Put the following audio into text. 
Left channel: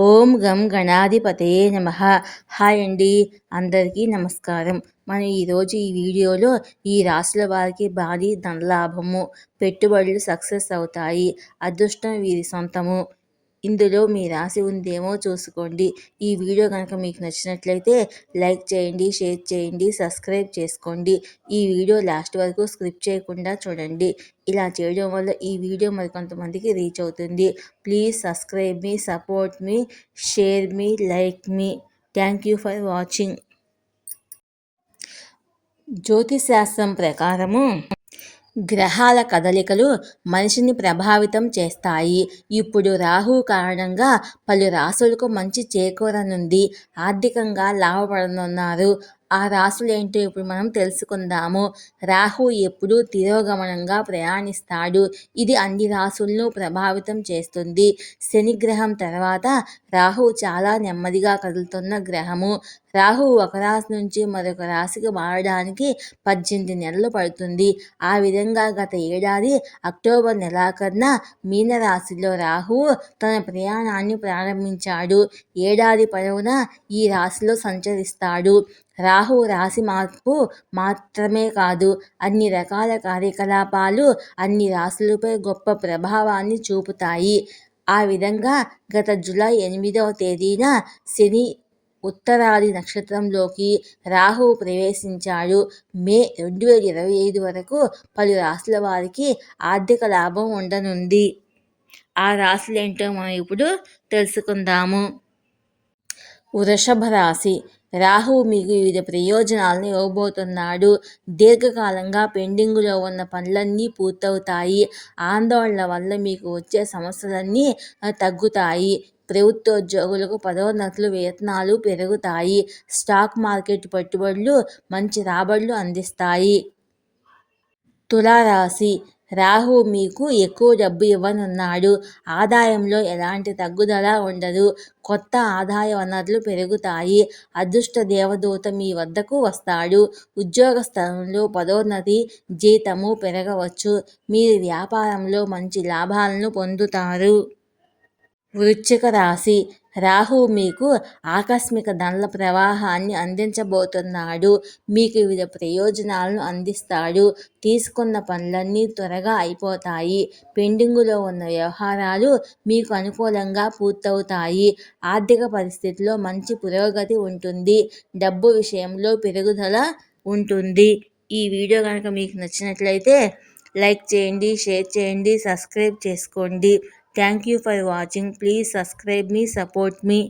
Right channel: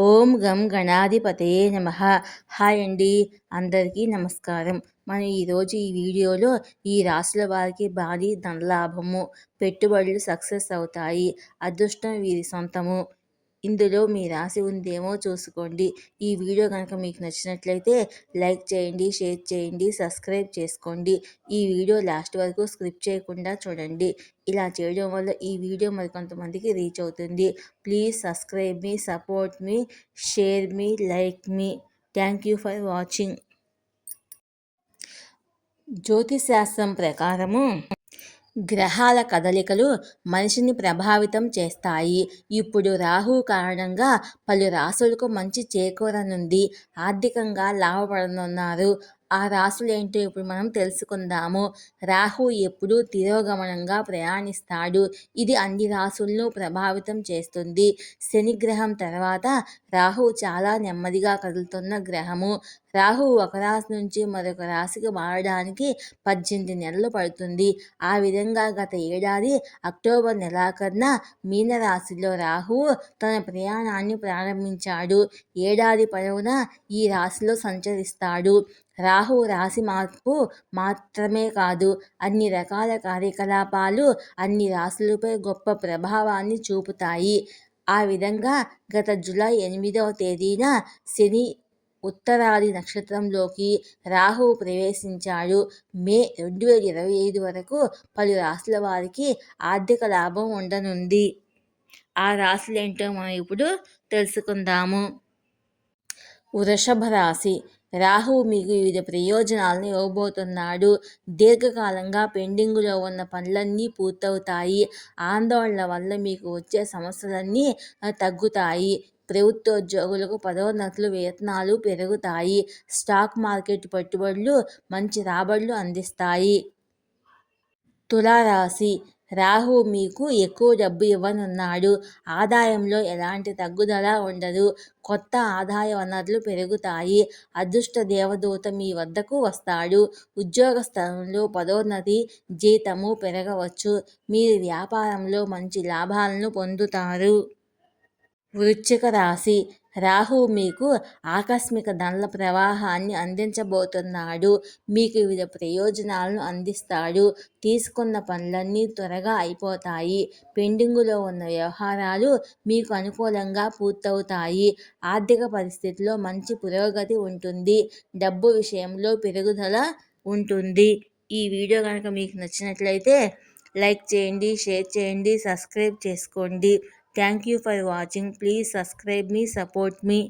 ఓం గం గణాధిపతయే నమః. హాయ్ అండి, అందరికీ నమస్కారం. మనం ఈరోజు ఈ వీడియోలో ఈ రాశుల వారికి భారీ ధనలాభము, పెట్టుబడులు సక్సెస్ అవుతాయి, అదృష్టం వీరి సొంతము. ఇందులో మీ రాశి ఉందేమో చూసుకోండి. ఈ వీడియో కనుక మీకు నచ్చినట్లయితే లైక్ చేయండి, షేర్ చేయండి, సబ్స్క్రైబ్ చేసుకోండి. ఈ వీడియో లాస్ట్ వరకు స్కిప్ చేయకుండా చూడండి. ఇలా చేయడం వల్ల ఈ వీడియో మరికొంతమందికి రీచ్ అవుతుంది. Please subscribe me, support me, share me, like me. Thank you for watching. జ్యోతిశాస్త్రం ప్రకారము గ్రహాల కదలికలు మనిషిని ప్రభావితం చేస్తాయి. ఇప్పుడు రాహు కారణంగా పలు రాశులకు మంచి చేకూరనుంది. ఆర్థికంగా లాభపడనున్నారు. ఆ రాశులేంటో ఇప్పుడు మనం తెలుసుకుందాము. రాహు ఎప్పుడూ తిరోగమనంగా ప్రయాణిస్తాడు. ఇది అన్ని రాశులను ప్రభావితం చేస్తుంది. శనిగ్రహం తర్వాత రాహు చాలా నెమ్మదిగా కదులుతున్న గ్రహము. రాహు ఒక రాశి నుంచి మరొక రాశికి మారడానికి 18 నెలలు పడుతుంది. ఆ విధంగా గత ఏడాది అక్టోబర్ నెలాఖరున మీనరాశిలో రాహువు తన ప్రయాణాన్ని ప్రారంభించాడు. ఏడాది పొడవునా ఈ రాశిలో సంచరిస్తాడు. రాహు రాశి మార్పు మాత్రమే కాదు, అన్ని రకాల కార్యకలాపాలు అన్ని రాశులపై గొప్ప ప్రభావాన్ని చూపుతాయి. ఆ విధంగా గత జూలై 8వ తేదీన శని ఉత్తరాది నక్షత్రంలోకి రాహువు ప్రవేశించాడు. మే 2025 వరకు పలు రాశుల వారికి ఆర్థిక లాభం ఉండనుంది. ఆ రాశులేంటో మనం ఇప్పుడు తెలుసుకుందాము. వృషభ రాశి. రాహువు మీకు వివిధ ప్రయోజనాలను ఇవ్వబోతున్నాడు. దీర్ఘకాలంగా పెండింగులో ఉన్న పనులన్నీ పూర్తవుతాయి. ఆందోళన వల్ల మీకు వచ్చే సమస్యలన్నీ తగ్గుతాయి. ప్రభుత్వోద్యోగులకు పదోన్నతులు, వేతనాలు పెరుగుతాయి. స్టాక్ మార్కెట్ పెట్టుబడులు మంచి రాబడులు అందిస్తాయి. తులారాశి. రాహు మీకు ఎక్కువ డబ్బు ఇవ్వనున్నాడు. ఆదాయంలో ఎలాంటి తగ్గుదల ఉండదు. కొత్త ఆదాయ వనరులు పెరుగుతాయి. అదృష్ట దేవదూత మీ వద్దకు వస్తాడు. ఉద్యోగ స్థలంలో పదోన్నతి, జీతము పెరగవచ్చు. మీరు వ్యాపారంలో మంచి లాభాలను పొందుతారు. వృశ్చిక రాశి. రాహు మీకు ఆకస్మిక ధనల ప్రవాహాన్ని అందించబోతున్నాడు. మీకు వివిధ ప్రయోజనాలను అందిస్తాడు. తీసుకున్న పనులన్నీ త్వరగా అయిపోతాయి. పెండింగులో ఉన్న వ్యవహారాలు మీకు అనుకూలంగా పూర్తవుతాయి. ఆర్థిక పరిస్థితిలో మంచి పురోగతి ఉంటుంది. డబ్బు విషయంలో పెరుగుదల ఉంటుంది. ఈ వీడియో కనుక మీకు నచ్చినట్లయితే లైక్ చేయండి, షేర్ చేయండి, సబ్స్క్రైబ్ చేసుకోండి. Thank you for watching. Please subscribe me, support me.